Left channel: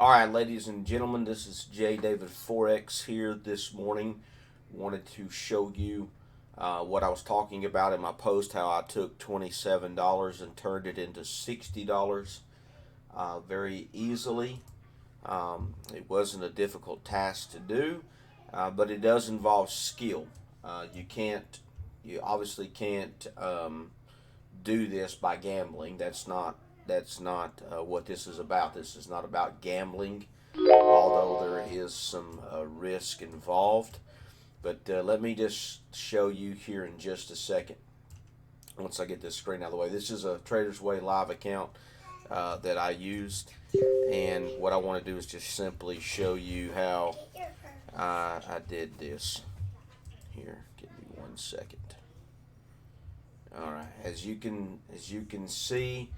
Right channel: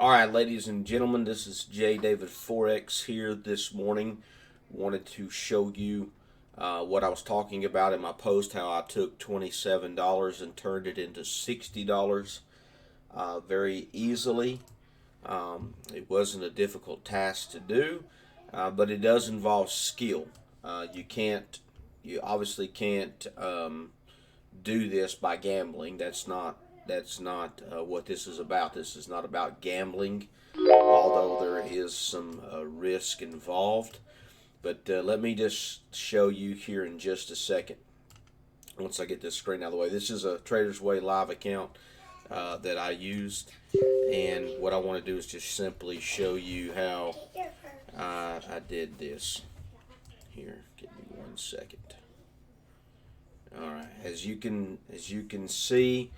All right, ladies and gentlemen, this is J. David Forex here this morning. Wanted to show you what I was talking about in my post, how I took $27 and turned it into $60 very easily. It wasn't a difficult task to do, but it does involve skill. You obviously can't do this by gambling. That's not what this is about. This is not about gambling, although there is some risk involved. But let me just show you here in just a second. Once I get this screen out of the way, this is a Trader's Way live account that I used, and what I want to do is just simply show you how I did this. Here, give me 1 second. All right, as you can see,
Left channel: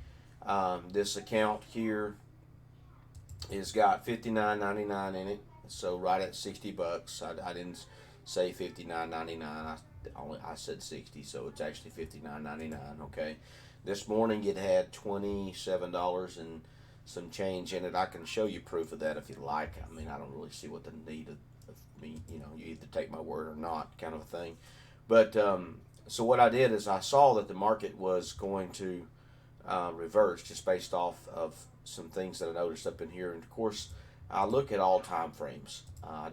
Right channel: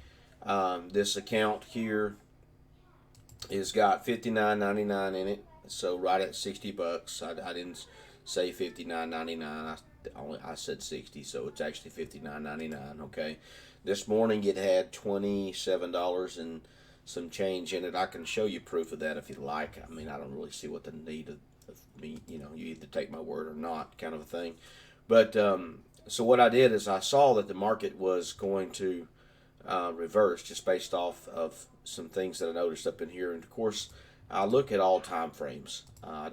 this account here has got $59.99 in it, so right at $60. I didn't say $59.99. I said 60, so it's actually $59.99. Okay, this morning it had $27 and some change in it. I can show you proof of that if you'd like. I mean, I don't really see what the need of me. You either take my word or not, kind of a thing. But so what I did is I saw that the market was going to reverse just based off of some things that I noticed up in here. And of course, I look at all time frames. I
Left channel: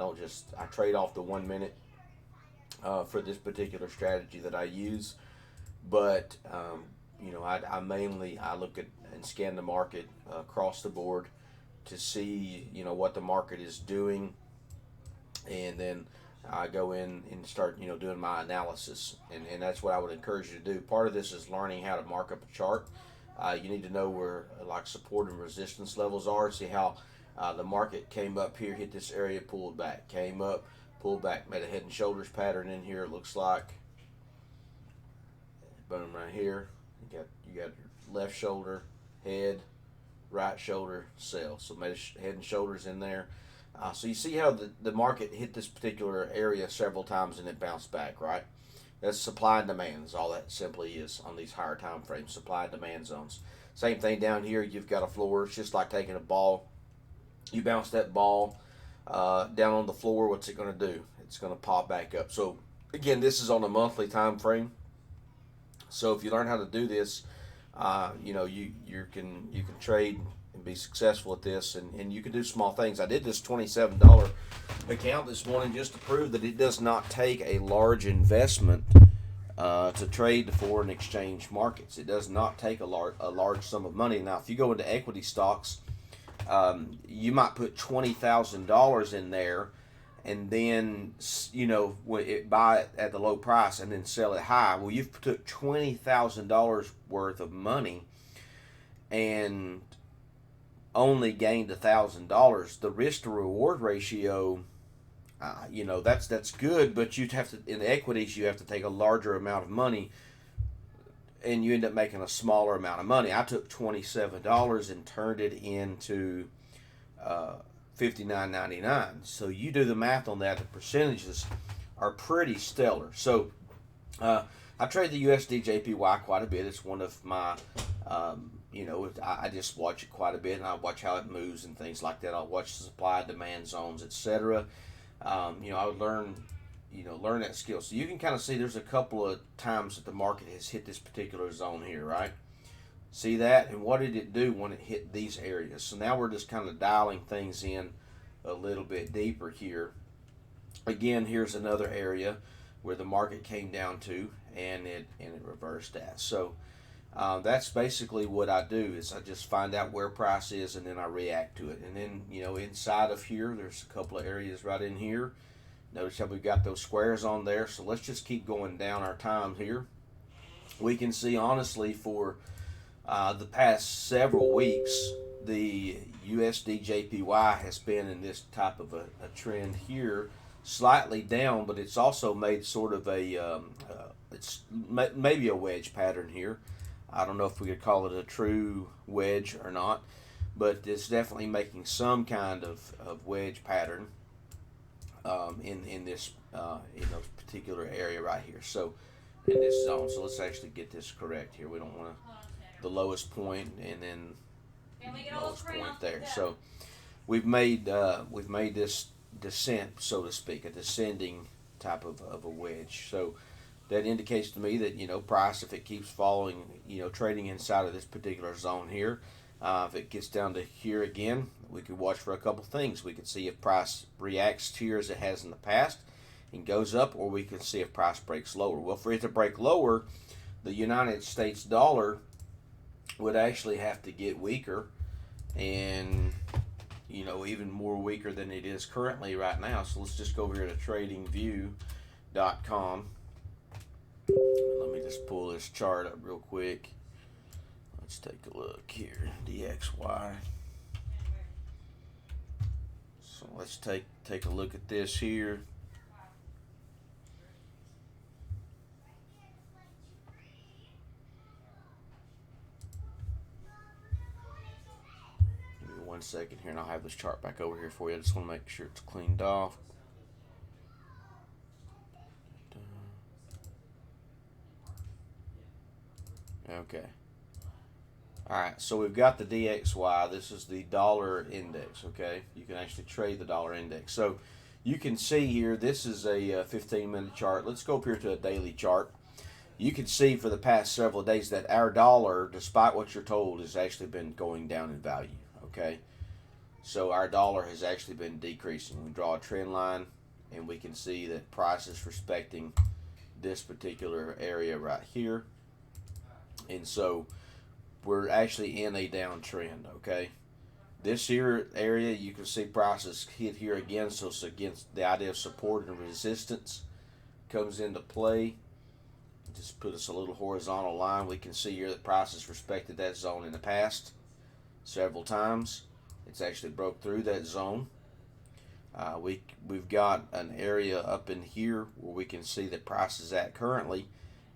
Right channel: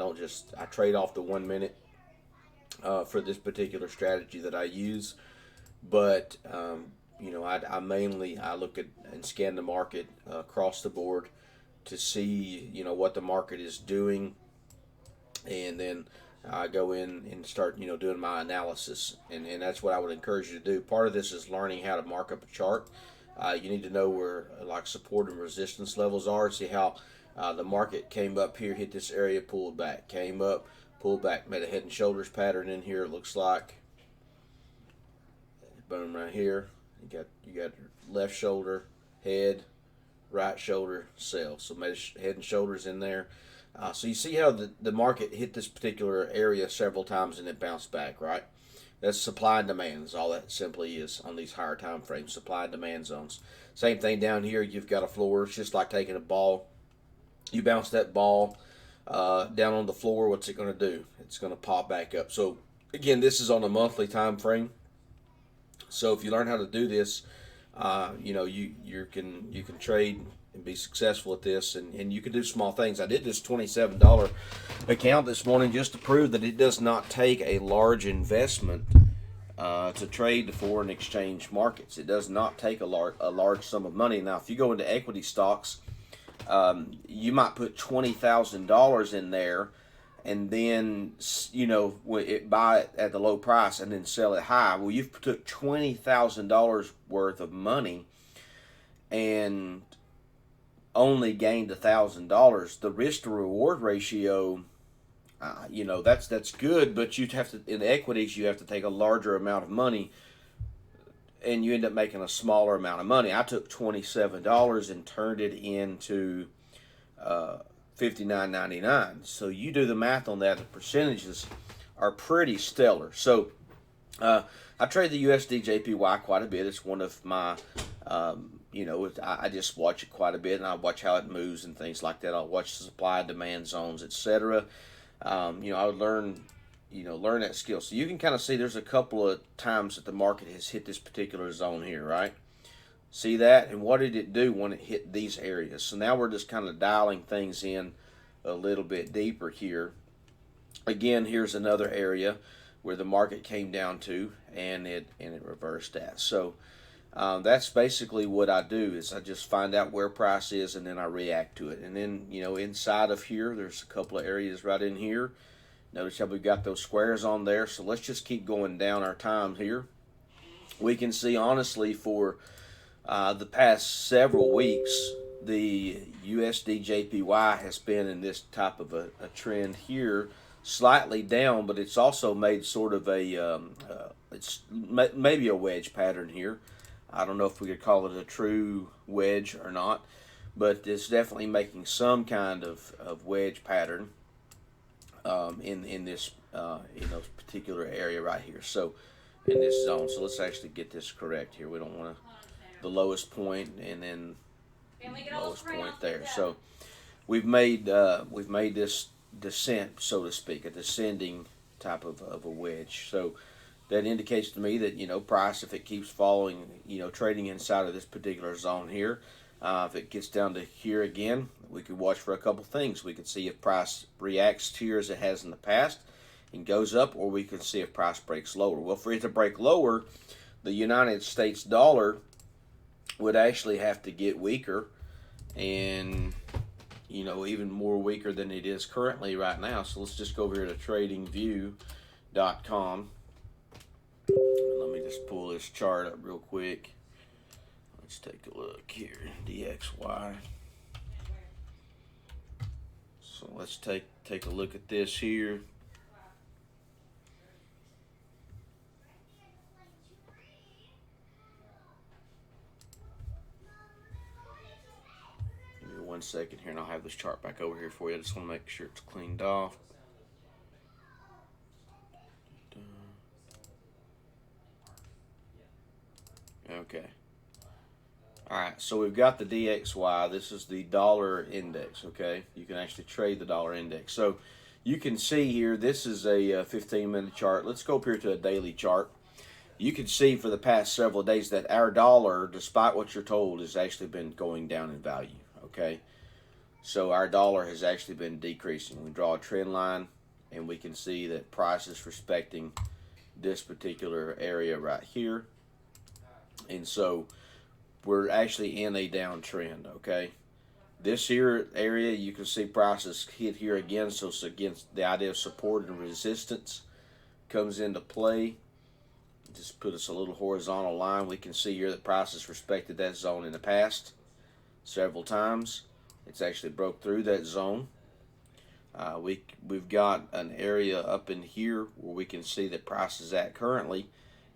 trade off the 1 minute for this particular strategy that I use. But I look at and scan the market across the board to see what the market is doing, and then I go in and start doing my analysis, and that's what I would encourage you to do. Part of this is learning how to mark up a chart. You need to know where like support and resistance levels are. See how the market came up here, hit this area, pulled back, came up, pulled back, made a head and shoulders pattern in here. It looks like boom right here. You got your left shoulder, head, right shoulder, sell. So made a head and shoulders in there. So you see how the market hit this particular area several times and it bounced back, right? That's supply and demand is all that simply is on these higher time frames, supply and demand zones. Same thing down here, you've got a floor. It's just like taking a ball. You bounce that ball down on the floor, what's it going to do? It's going to pop back up. So again, this is on a monthly time frame. So if you learn how to do this, you can trade and be successful at this, and you can do small things. I did this $27 account this morning just to prove that it does not take a large investment to trade the foreign exchange markets. It does not take a large sum of money. Now, if you go into equity stocks, you might put $20,000 in there, and then buy it at the low price and then sell it high. Well, you've took $20,000 worth of money and only gained $1,000. The risk to reward ratio, that's good, but you'd have to, in equities, you have to take a larger amount of money, and you end up making a smaller amount of money. I took $27 and turned it into $59.99. So you do the math on that. The percentages are pretty stellar. So I trade the USDJPY quite a bit. It's one of my I just watch it quite a bit, and I watch how it moves and things like that. I'll watch the supply and demand zones, etc. I would learn that skill. So you can kind of see there's a couple of times that the market has hit this particular zone here, right? See that? And what did it do when it hit these areas? So now we're just kind of dialing things in a little bit deeper here. Again, here's another area where the market came down to, and it reversed that. So that's basically what I do is I just find out where price is, and then I react to it. And then inside of here, there's a couple of areas right in here. Notice how we've got those squares on there. So let's just keep going down our time here. We can see honestly for the past several weeks, the USDJPY has been in this type of a trend here, slightly down, but it's also made sort of it's maybe a wedge pattern here. I don't know if we could call it a true wedge or not, but it's definitely making some kind of wedge pattern in this particular area right here. So in this zone. So let's actually get this correct here. We don't want to the lowest point and then lowest point there. So we've made this descent, so to speak, a descending type of a wedge. So that indicates to me that, you know, price, if it keeps following, you know, trading inside of this particular zone here, if it gets down to here again, we could watch for a couple things. We could see if price reacts here as it has in the past and goes up, or we can see if price breaks lower. Well, for it to break lower, the United States dollar would actually have to get weaker, and, you know, even more weaker than it is currently right now. So let's just go over here to tradingview.com. Let me just pull this chart up real quick. Let's take a look here. DXY. So let's take a look at this here. Give me 1 second here and I'll have this chart back over here for you. I just want to make sure it's cleaned off. Okay. Alright, so we've got the DXY. This is the dollar index, okay? You can actually trade the dollar index. So you can see here, this is a 15-minute chart. Let's go up here to a daily chart. You can see for the past several days that our dollar, despite what you're told, has actually been going down in value, okay? So our dollar has actually been decreasing. We draw a trend line, and we can see that price is respecting this particular area right here. And so we're actually in a downtrend, okay? This here area, you can see prices hit here again, so it's against the idea of support and resistance comes into play. Just put us a little horizontal line. We can see here that prices respected that zone in the past several times. It's actually broke through that zone. We've got an area up in here where we can see that price is at currently,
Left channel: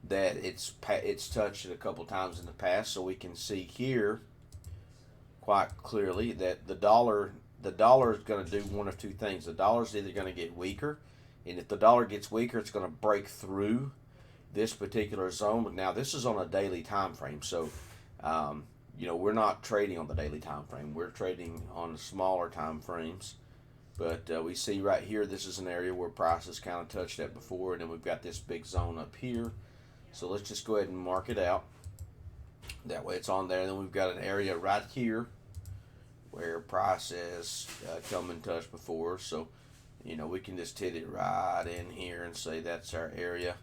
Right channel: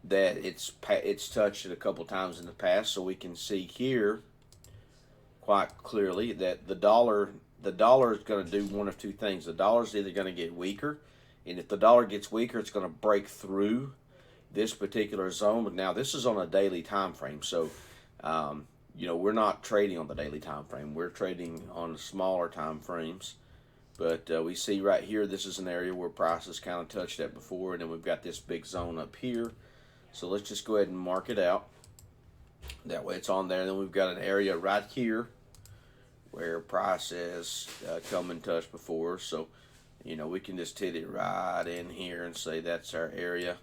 that it's touched it a couple times in the past. So we can see here quite clearly that the dollar is going to do one of two things. The dollar is either going to get weaker, and if the dollar gets weaker, it's going to break through this particular zone. But now this is on a daily time frame, so you know, we're not trading on the daily time frame. We're trading on the smaller time frames. But we see right here, this is an area where prices kind of touched that before, and then we've got this big zone up here. So let's just go ahead and mark it out. That way it's on there. And then we've got an area right here where price has come and touched before. So, you know, we can just hit it right in here and say that's our area.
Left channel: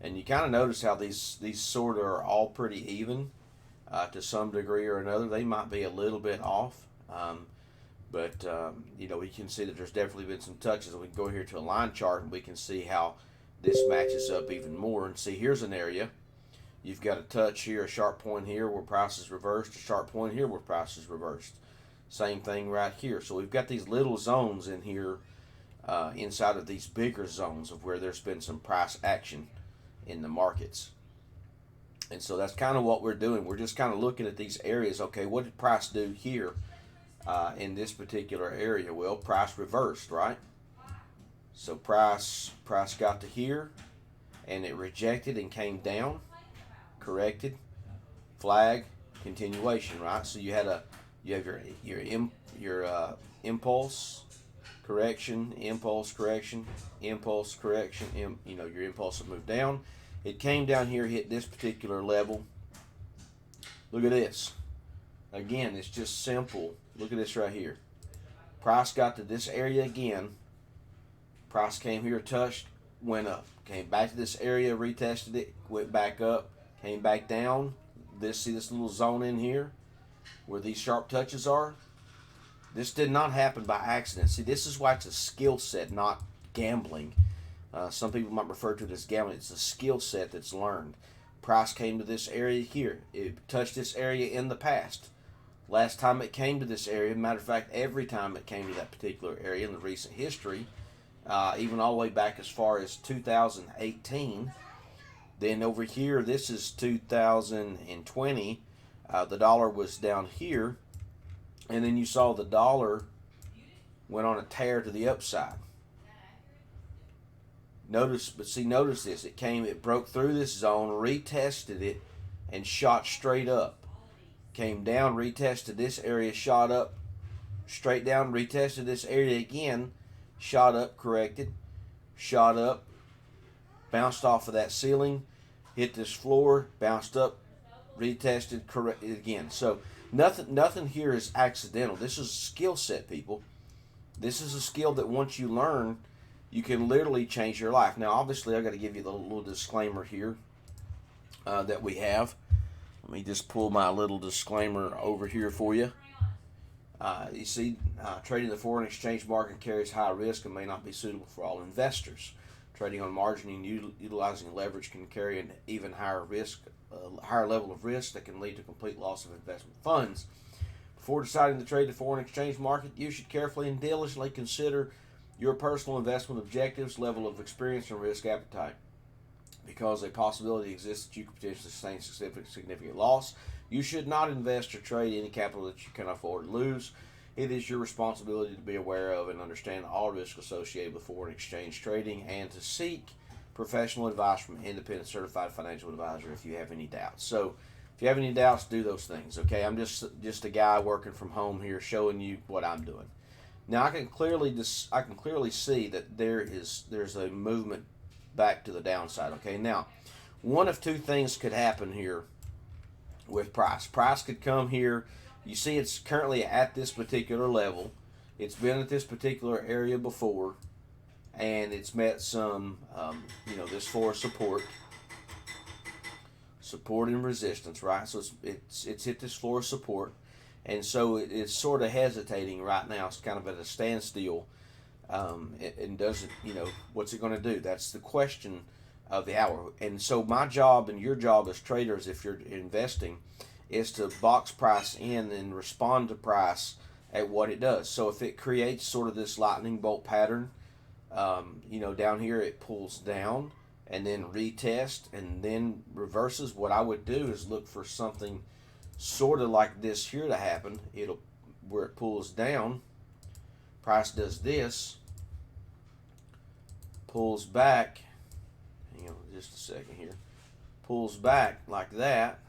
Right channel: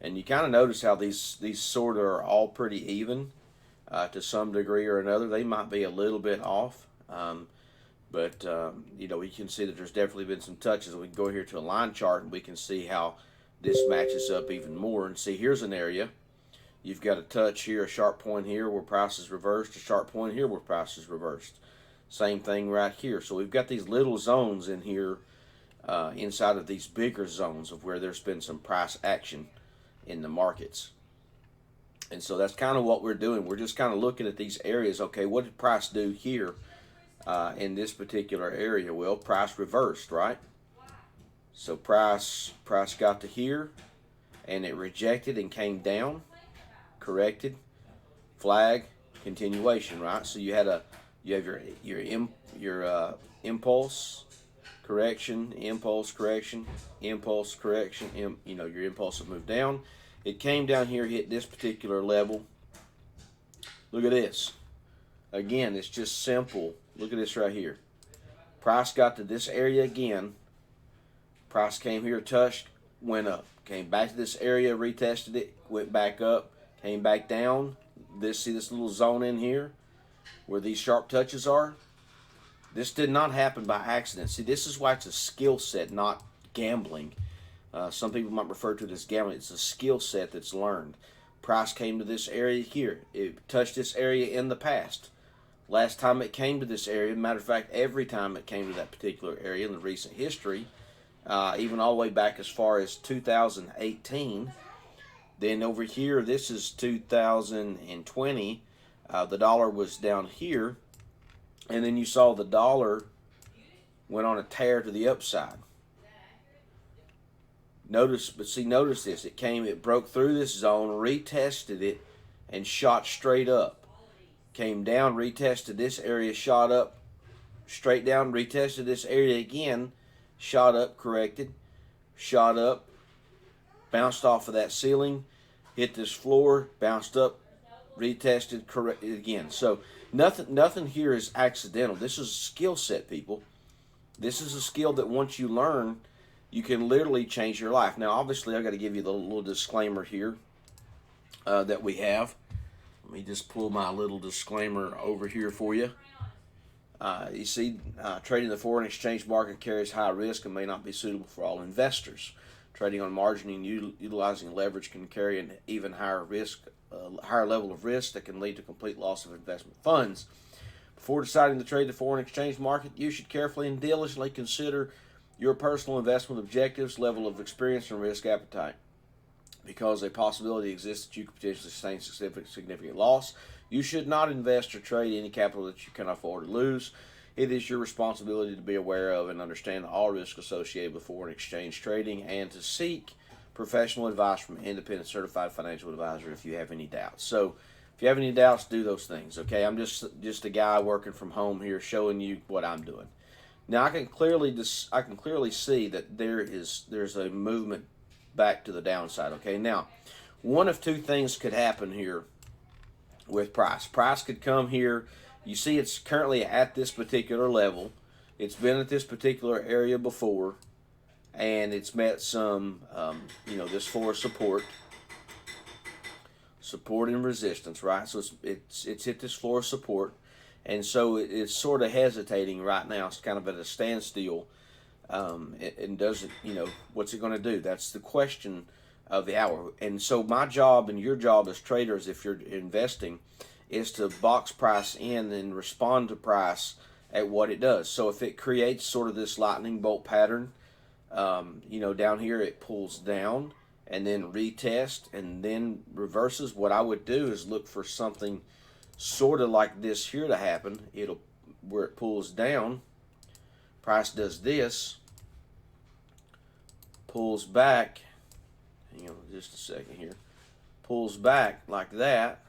And you kind of notice how these sort of are all pretty even to some degree or another. They might be a little bit off. But you know, we can see that there's definitely been some touches. We can go here to a line chart and we can see how this matches up even more. And see, here's an area. You've got a touch here, a sharp point here where price is reversed, a sharp point here where price is reversed. Same thing right here. So we've got these little zones in here inside of these bigger zones of where there's been some price action in the markets. And so that's kind of what we're doing. We're just kind of looking at these areas. Okay, what did price do here in this particular area? Well, price reversed, right? So price got to here, and it rejected and came down, corrected, flag, continuation, right? So you have your impulse, correction, impulse, correction, impulse, correction. You know, your impulse will move down. It came down here, hit this particular level. Look at this. Again, it's just simple. Look at this right here. Price got to this area again. Price came here, touched, went up. Came back to this area, retested it, went back up, came back down. See this little zone in here where these sharp touches are? This did not happen by accident. See, this is why it's a skill set, not gambling. Some people might refer to it as gambling. It's a skill set that's learned. Price came to this area here. It touched this area in the past. Last time it came to this area, matter of fact, every time it came to that particular area in the recent history, even all the way back as far as 2018. Then over here, this is 2020. The dollar was down here, and then you saw the dollar went on a tear to the upside. Notice this. It broke through this zone, retested it, and shot straight up. Came down, retested this area, shot up, straight down, retested this area again, shot up, corrected, shot up, bounced off of that ceiling, hit this floor, bounced up, retested, corrected again. So nothing here is accidental. This is a skill set, people. This is a skill that once you learn, you can literally change your life. Now, obviously, I've got to give you the little disclaimer here that we have. Let me just pull my little disclaimer over here for you. You see, trading the foreign exchange market carries high risk and may not be suitable for all investors. Trading on margin and utilizing leverage can carry an even higher level of risk that can lead to complete loss of investment funds. Before deciding to trade the foreign exchange market, you should carefully and diligently consider your personal investment objectives, level of experience, and risk appetite. Because a possibility exists that you could potentially sustain significant loss, you should not invest or trade any capital that you cannot afford to lose. It is your responsibility to be aware of and understand all risks associated with foreign exchange trading and to seek professional advice from an independent certified financial advisor if you have any doubts. So if you have any doubts, do those things, okay? I'm just a guy working from home here showing you what I'm doing. Now I can clearly see that there's a movement back to the downside, okay? Now, one of two things could happen here with price. Price could come here. You see it's currently at this particular level. It's been at this particular area before, and it's met some, this floor of support and resistance, right? So it's hit this floor of support, and so it's sort of hesitating right now. It's kind of at a standstill, and doesn't, what's it going to do? That's the question of the hour. And so my job and your job as traders, if you're investing, is to box price in and respond to price at what it does. So if it creates sort of this lightning bolt pattern, down here it pulls down and then retest and then reverses, what I would do is look for something sort of like this here to happen. Where it pulls down, price does this, pulls back, hang on just a second here, pulls back like that,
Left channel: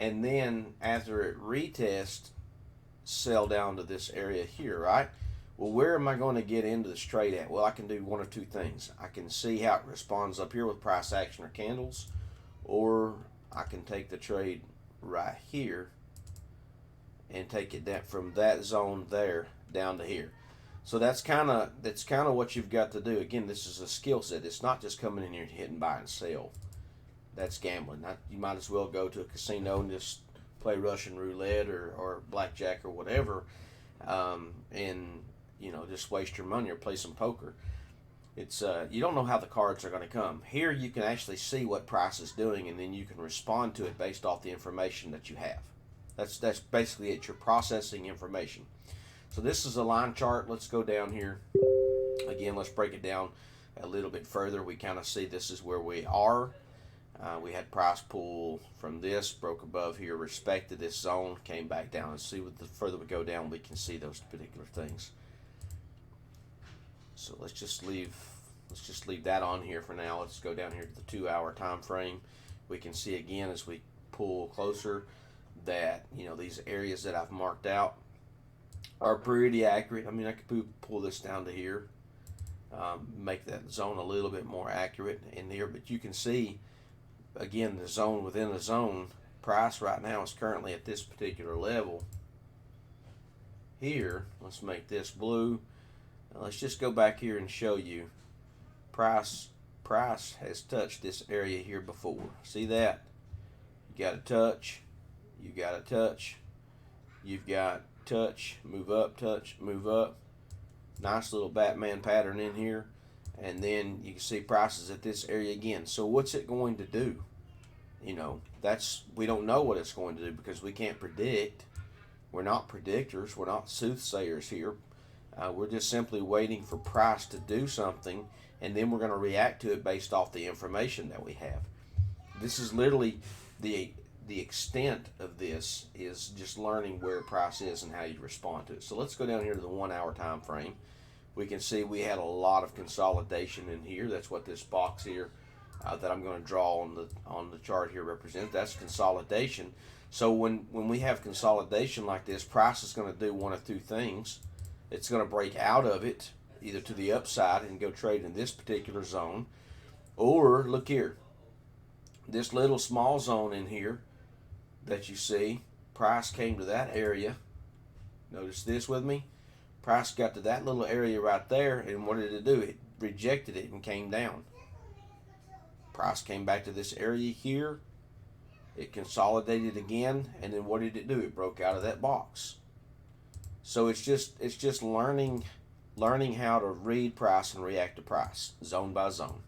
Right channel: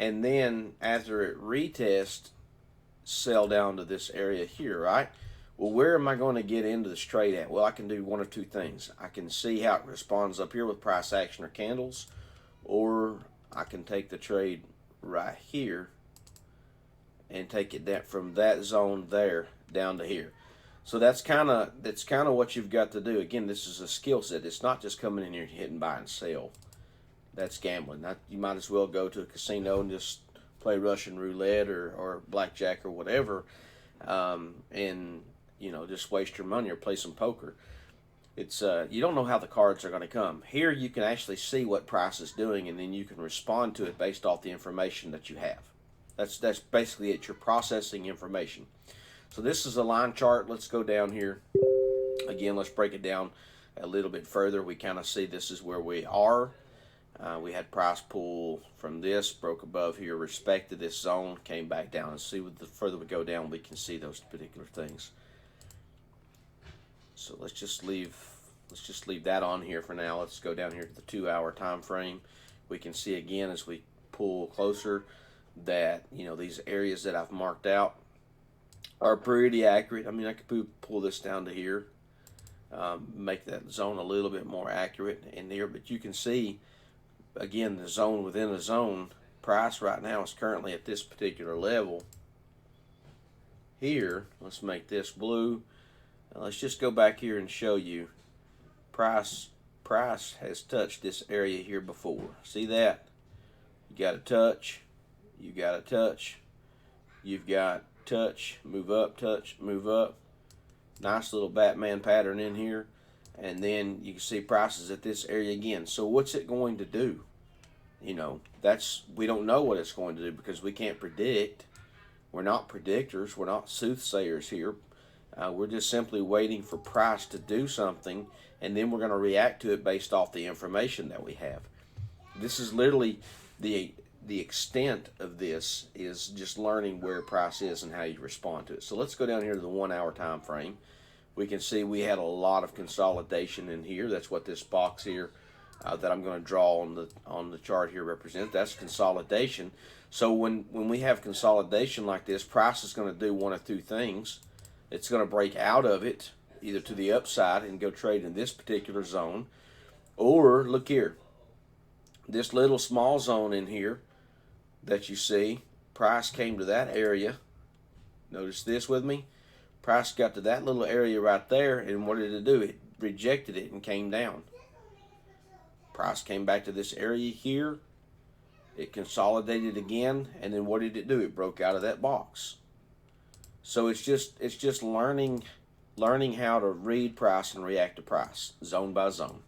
and then after it retests, sell down to this area here, right? Well, where am I going to get into this trade at? Well, I can do one of two things. I can see how it responds up here with price action or candles, or I can take the trade right here and take it down from that zone there down to here. So that's kind of what you've got to do. Again, this is a skill set. It's not just coming in here and hitting buy and sell. That's gambling. You might as well go to a casino and just play Russian roulette or blackjack or whatever, and just waste your money or play some poker. It's you don't know how the cards are going to come. Here you can actually see what price is doing, and then you can respond to it based off the information that you have. That's basically it. You're processing information. So this is a line chart. Let's go down here again. Let's break it down a little bit further. We kind of see this is where we are. We had price pull from this, broke above here, respected this zone, came back down. And see, the further we go down, we can see those particular things. So let's just leave that on here for now. Let's go down here to the 2-hour time frame. We can see again as we pull closer that these areas that I've marked out are pretty accurate. I mean, I could pull this down to here, make that zone a little bit more accurate in there, but you can see again the zone within a zone. Price right now is currently at this particular level here. Let's make this blue. Now let's just go back here and show you price has touched this area here before. See that? You got a touch, you got a touch, you've got touch, move up, touch, move up. Nice little Batman pattern in here. And then you can see prices at this area again. So what's it going to do? We don't know what it's going to do because we can't predict. We're not predictors. We're not soothsayers here. We're just simply waiting for price to do something, and then we're going to react to it based off the information that we have. This is literally the extent of this is just learning where price is and how you respond to it. So let's go down here to the 1-hour time frame. We can see we had a lot of consolidation in here. That's what this box here that I'm going to draw on the chart here represent. That's consolidation. So when we have consolidation like this, price is going to do one of two things. It's going to break out of it, either to the upside and go trade in this particular zone, or look here, this little small zone in here that you see, price came to that area. Notice this with me. Price got to that little area right there, and what did it do? It rejected it and came down. Price came back to this area here. It consolidated again, and then what did it do? It broke out of that box. So it's just learning how to read price and react to price, zone by zone.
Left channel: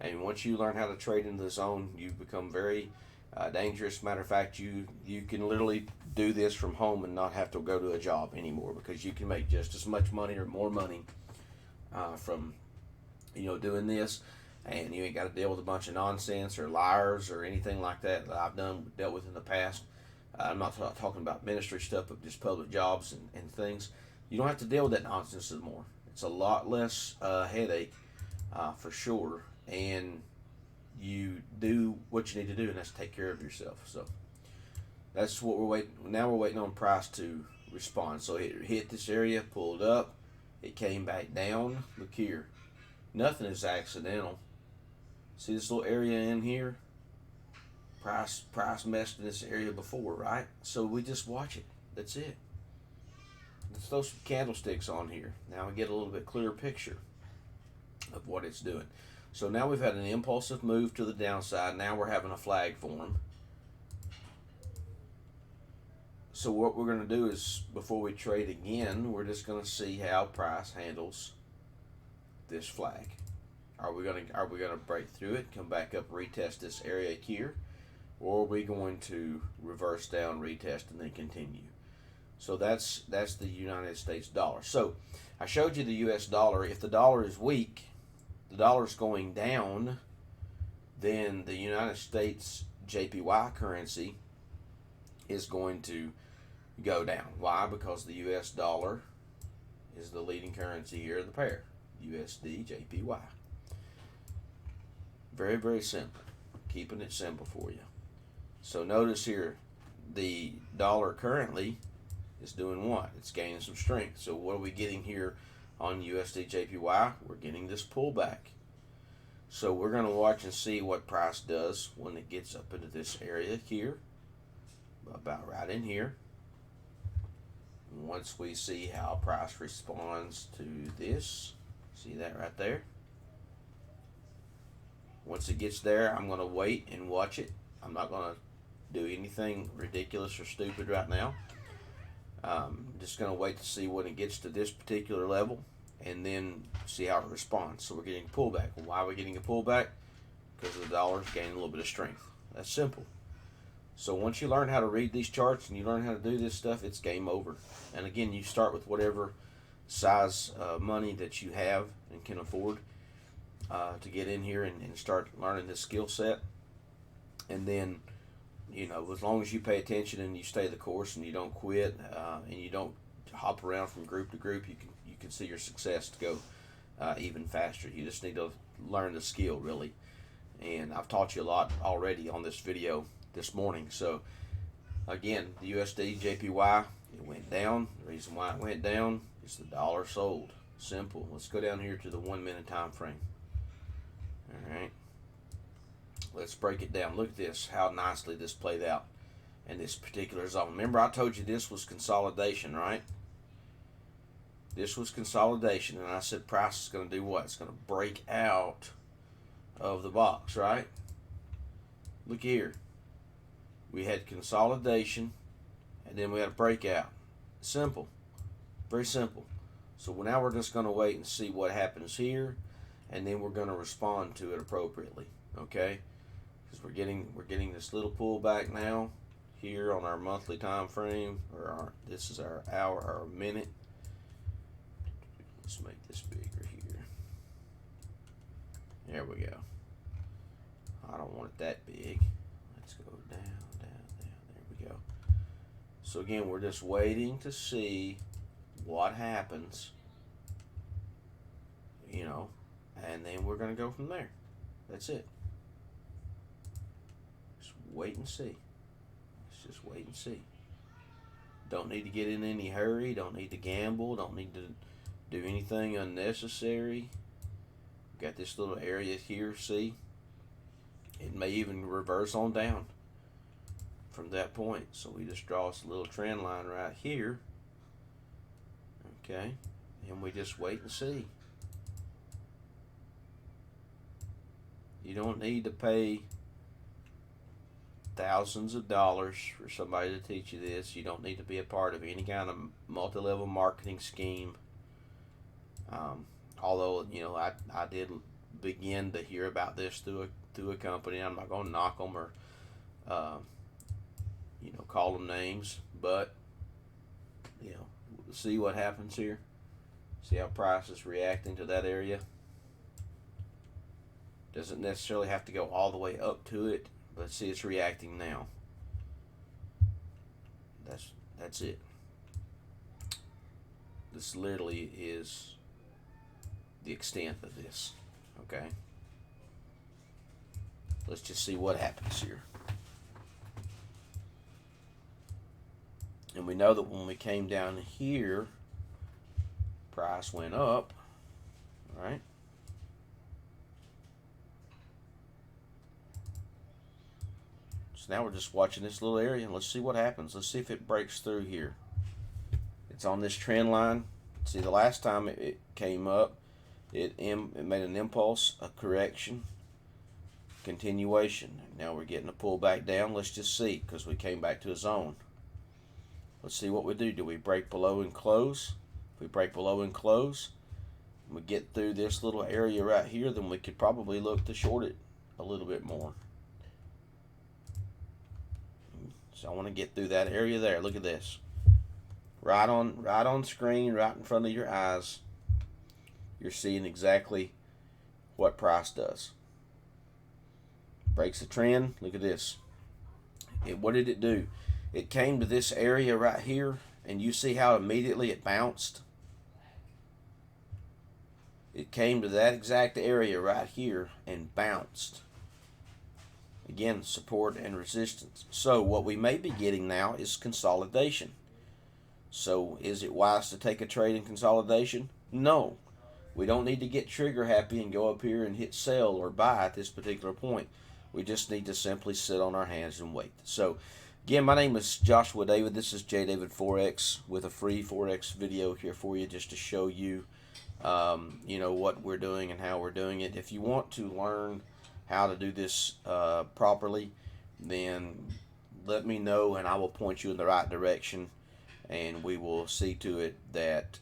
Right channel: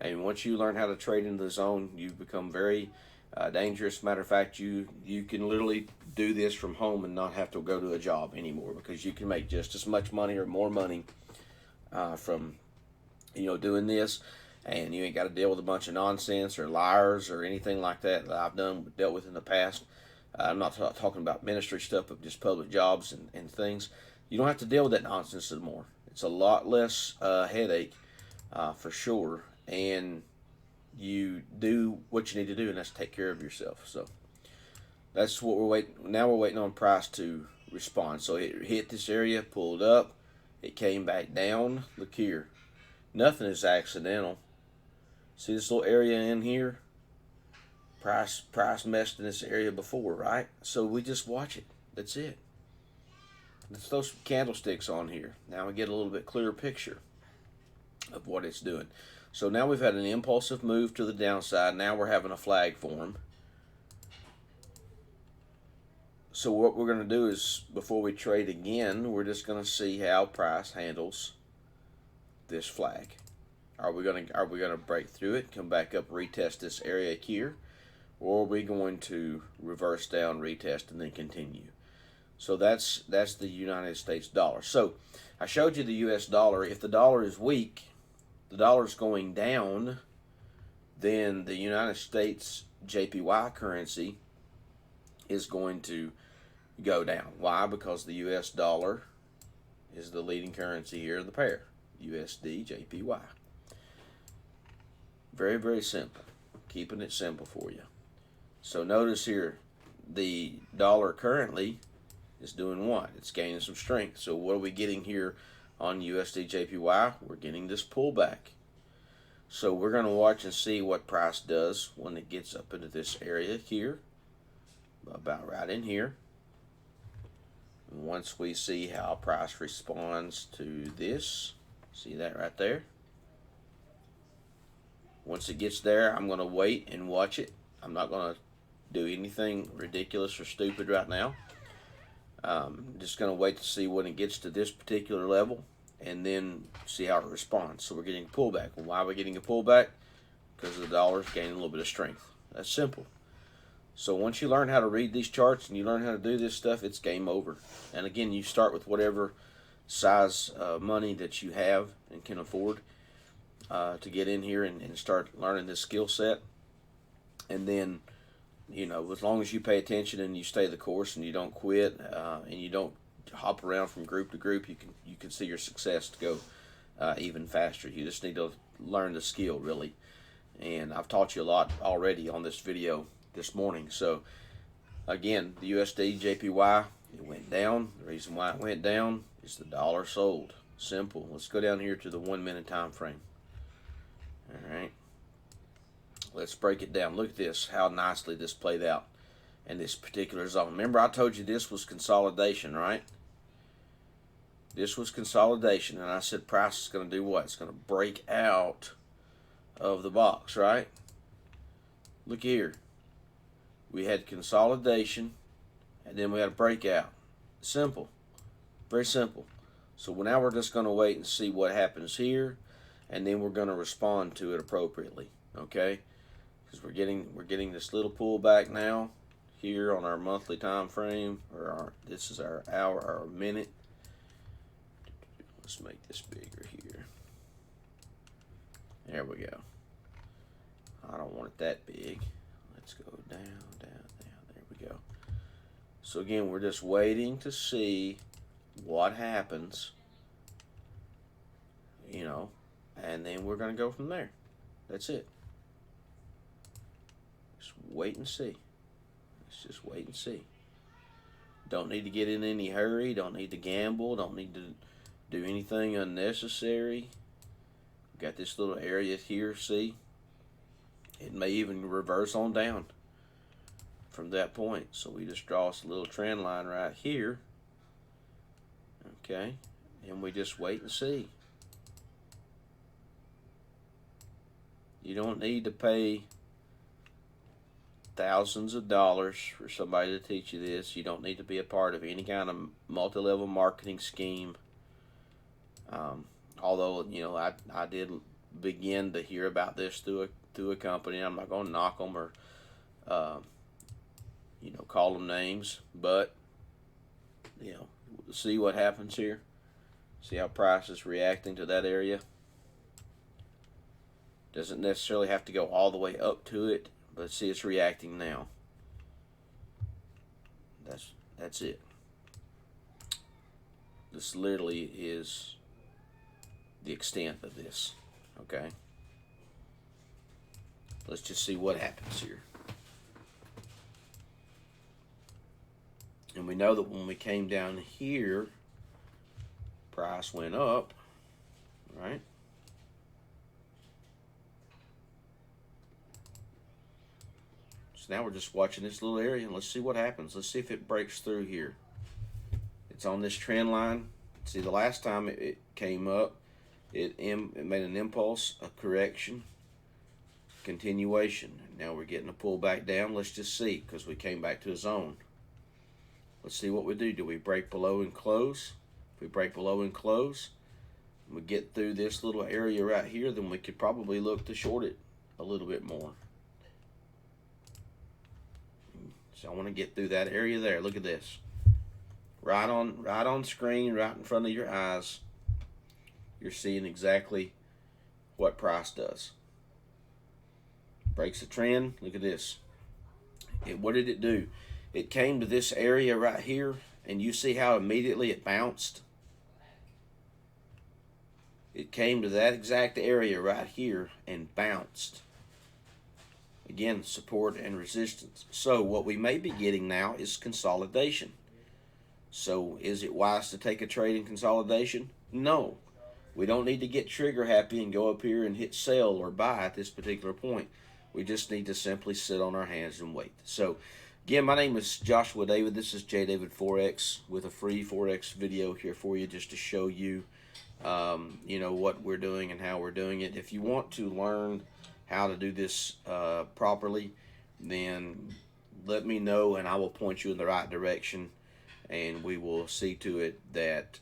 And once you learn how to trade in the zone, you become very dangerous. Matter of fact, you can literally do this from home and not have to go to a job anymore, because you can make just as much money or more money from doing this, and you ain't got to deal with a bunch of nonsense or liars or anything like that I've dealt with in the past. I'm not talking about ministry stuff, but just public jobs and things. You don't have to deal with that nonsense anymore. It's a lot less headache for sure, and you do what you need to do, and that's take care of yourself. So that's what we're waiting. Now we're waiting on price to respond. So it hit this area, pulled up, it came back down. Look here, nothing is accidental. See this little area in here? Price messed in this area before, right? So we just watch it. That's it. Let's throw some candlesticks on here. Now we get a little bit clearer picture of what it's doing. So now we've had an impulsive move to the downside. Now we're having a flag form. So what we're going to do is, before we trade again, we're just going to see how price handles this flag. Are we going to break through it, come back up, retest this area here, or are we going to reverse down, retest, and then continue? So that's the United States dollar. So I showed you the US dollar. If the dollar is weak, the dollar's going down, then the United States JPY currency is going to go down. Why? Because the US dollar is the leading currency here of the pair, USDJPY. Very, very simple. Keeping it simple for you. So notice here, the dollar currently is doing what? It's gaining some strength. So what are we getting here on USDJPY? We're getting this pullback. So we're going to watch and see what price does when it gets up into this area here, about right in here. And once we see how price responds to this, see that right there? Once it gets there, I'm going to wait and watch it. I'm not going to do anything ridiculous or stupid right now. Just going to wait to see when it gets to this particular level, and then see how it responds. So we're getting a pullback. Why are we getting a pullback? Because the dollar's gaining a little bit of strength. That's simple. So once you learn how to read these charts and you learn how to do this stuff, it's game over. And again, you start with whatever size money that you have and can afford to get in here and start learning this skill set. And then, as long as you pay attention and you stay the course and you don't quit and you don't hop around from group to group, you can see your success to go even faster. You just need to learn the skill, really. And I've taught you a lot already on this video this morning. So again, the USDJPY, it went down. The reason why it went down is the dollar sold. Simple. Let's go down here to the 1 minute time frame. All right. Let's break it down. Look at this, how nicely this played out in this particular zone. Remember, I told you this was consolidation, right? This was consolidation, and I said price is going to do what? It's going to break out of the box, right? Look here. We had consolidation, and then we had a breakout. Simple. Very simple. So now we're just going to wait and see what happens here, and then we're going to respond to it appropriately, okay? Because we're getting this little pullback now here on our monthly time frame, or this is our hour, our minute. Let's make this bigger here. There we go. I don't want it that big. Let's go down, down, down. There we go. So again, we're just waiting to see what happens, and then we're going to go from there. That's it. wait and see. Let's just wait and see. Don't need to get in any hurry. Don't need to gamble. Don't need to do anything unnecessary. Got this little area here, see? It may even reverse on down from that point. So we just draw us a little trend line right here. Okay, and we just wait and see. You don't need to pay thousands of dollars for somebody to teach you this. You don't need to be a part of any kind of multi-level marketing scheme. Although, you know, I did begin to hear about this through a company. I'm not going to knock them or you know, call them names, but you know, see what happens here. See how price is reacting to that area. Doesn't necessarily have to go all the way up to it, but see, it's reacting now. That's it. This literally is the extent of this. Okay, let's just see what happens here. And we know that when we came down here, price went up, right? So now we're just watching this little area, and let's see what happens. Let's see if it breaks through here. It's on this trend line. See, the last time it came up, it made an impulse, a correction, continuation. Now we're getting a pull back down. Let's just see, because we came back to a zone. Let's see what we do. Do we break below and close? If we break below and close, and we get through this little area right here, then we could probably look to short it a little bit more. So I want to get through that area there. Look at this. Right on screen, right in front of your eyes, you're seeing exactly what price does. Breaks the trend. Look at this. What did it do? It came to this area right here, and you see how immediately it bounced? It came to that exact area right here and bounced. Again, support and resistance. So what we may be getting now is consolidation. So is it wise to take a trade in consolidation? No. We don't need to get trigger happy and go up here and hit sell or buy at this particular point. We just need to simply sit on our hands and wait. So again, my name is Joshua David. This is J David Forex with a free Forex video here for you, just to show you, you know, what we're doing and how we're doing it. If you want to learn how to do this properly, then let me know and I will point you in the right direction, and we will see to it that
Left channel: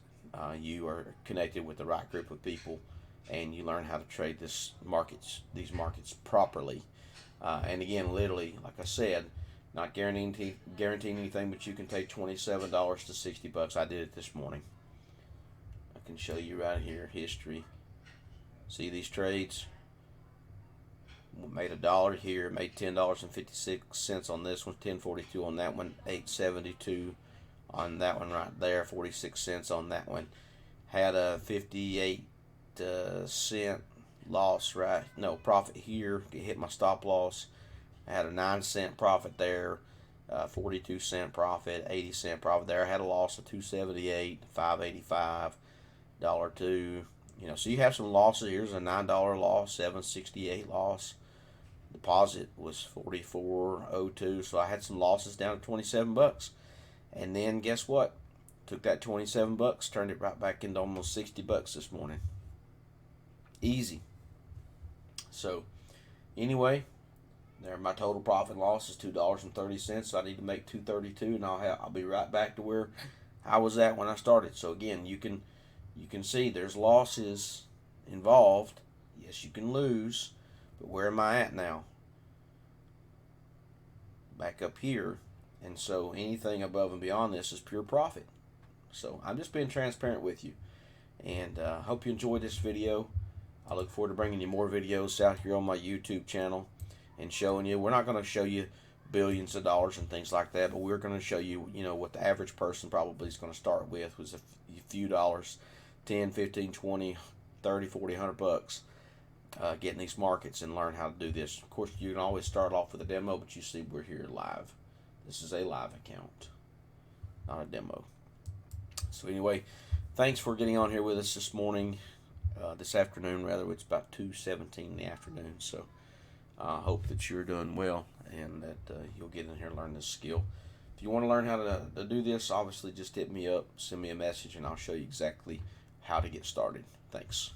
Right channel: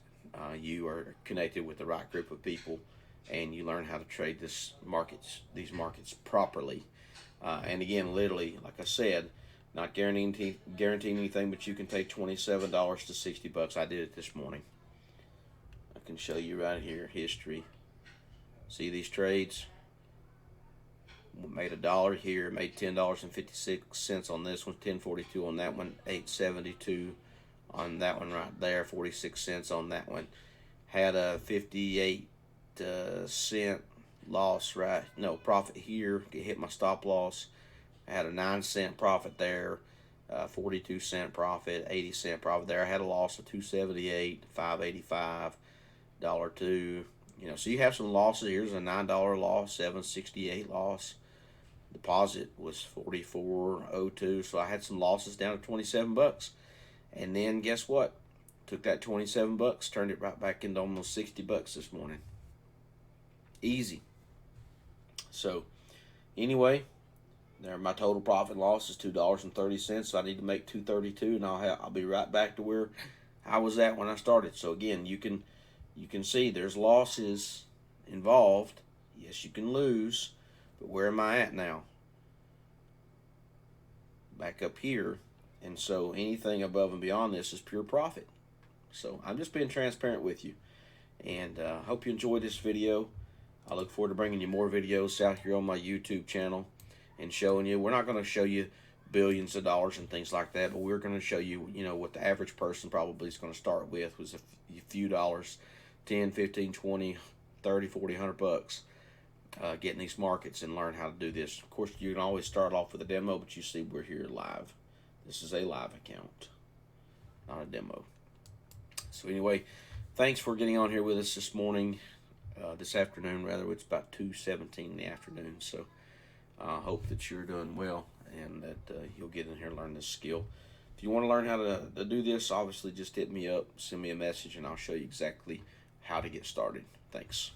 you are connected with the right group of people and you learn how to trade these markets properly. And again, literally, like I said, not guaranteeing anything, but you can take $27 to $60. I did it this morning. I can show you right here, history. See these trades? We made $1 here, made $10.56 on this one, $10.42 on that one, $8.72 on that one right there, 46 cents on that one. Had a 58 cent loss, right? No, profit here. Hit my stop loss. I had a 9-cent profit there, 42-cent profit, 80-cent profit there. I had a loss of 278, 585, $2. You know, so you have some losses. Here's a $9 loss, 768 loss. Deposit was 44.02, so I had some losses down to $27. And then guess what? Took that $27, turned it right back into almost $60 this morning. Easy. So anyway, there my total profit loss is $2.30. So I need to make $2.32, and I'll be right back to where I was at when I started. So again, you can see there's losses involved. Yes, you can lose, but where am I at now? Back up here. And so anything above and beyond this is pure profit. So I'm just being transparent with you. And I hope you enjoyed this video. I look forward to bringing you more videos out here on my YouTube channel and showing you. We're not going to show you billions of dollars and things like that, but we're going to show you, you know, what the average person probably is going to start with was a few dollars, 10, 15, 20, 30, 40, $100. get in these markets and learn how to do this. Of course, you can always start off with a demo, but you see we're here live. This is a live account, not a demo. So anyway, thanks for getting on here with us this morning, this afternoon rather. It's about 2:17 in the afternoon, so I hope that you're doing well and that you'll get in here and learn this skill. If you want to learn how to do this, obviously just hit me up, send me a message, and I'll show you exactly how to get started. Thanks.